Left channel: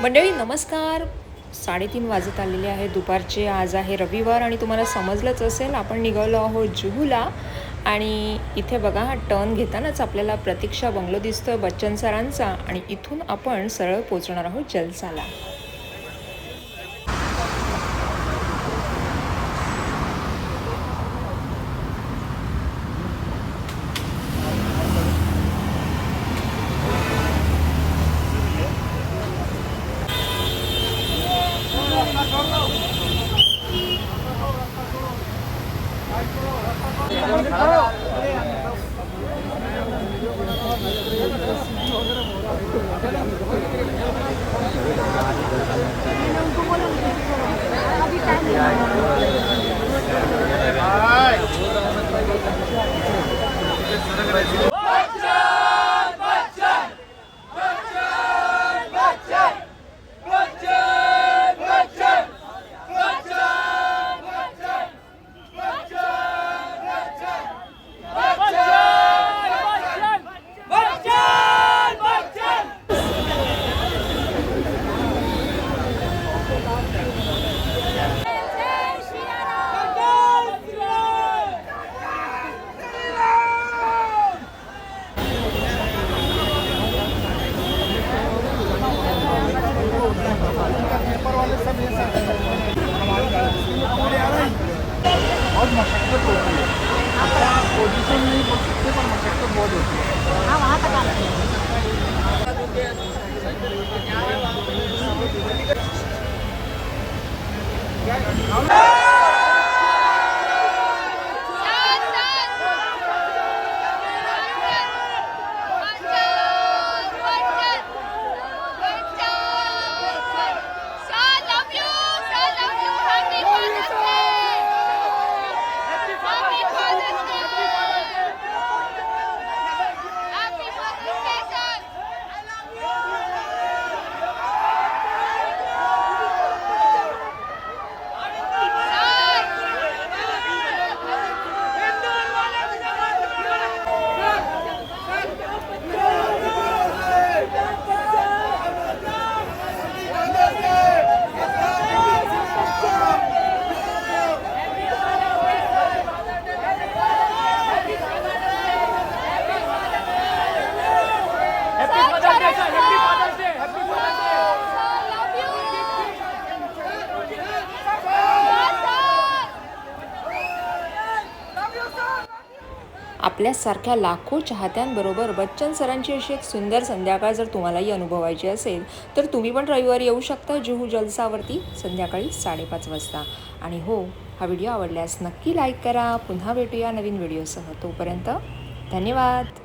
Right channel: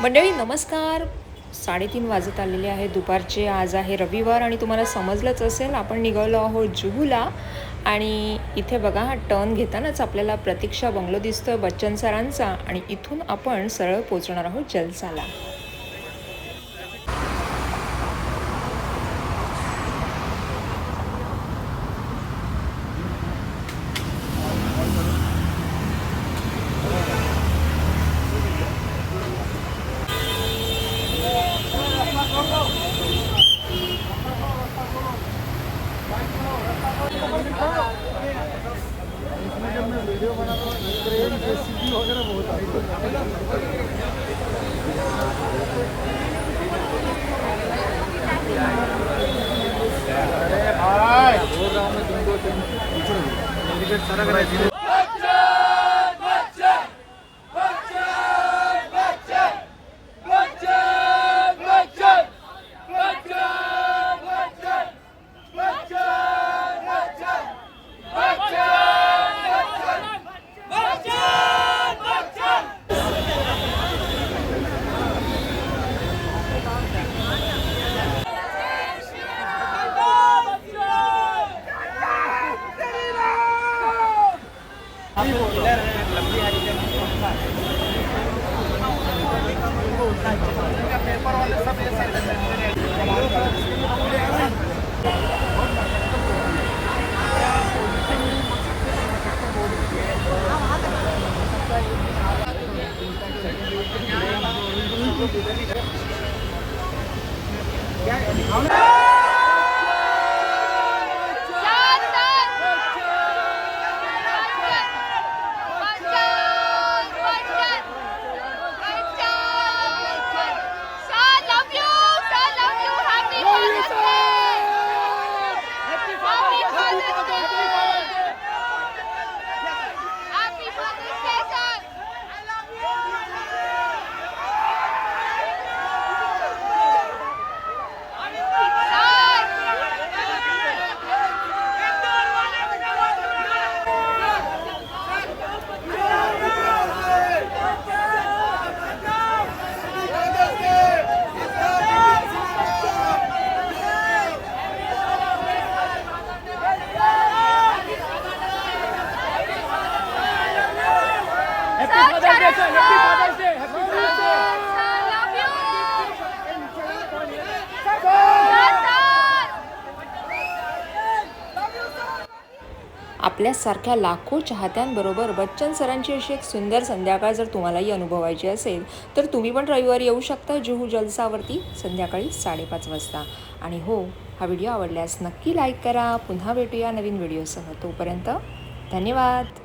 मंडळी नमस्कार. 3:30 वाजत आलेले आहे दुपारचे. आज आहे रविवार आणि तुम्हाला समजलंच असेल आपण निघालो आहोत जुहूला. आणि इथे बघा हा टर्न घेतानाच आपल्याला प्रतीक्षा बंगलो दिसतोय बच्चन सरांचा आणि इथून आपण सरळ पोहोचणार आहोत जलसाला. आपल्यासारख्या लाखो चाहत्यांबरोबर बच्चन सरांची अशी एक सुंदर संध्याकाळ जर तुम्हालाही अनुभवायची असेल तर तुम्ही पण रविवारी येऊ शकता जुहू जलसावरती संध्याकाळी 5:30 वाजता. आणि हो, हा व्हिडिओ आवडल्यास नक्की लाईक करा. पुन्हा भेटूया नवीन व्हिडिओसह. तोपर्यंत धन्यवाद.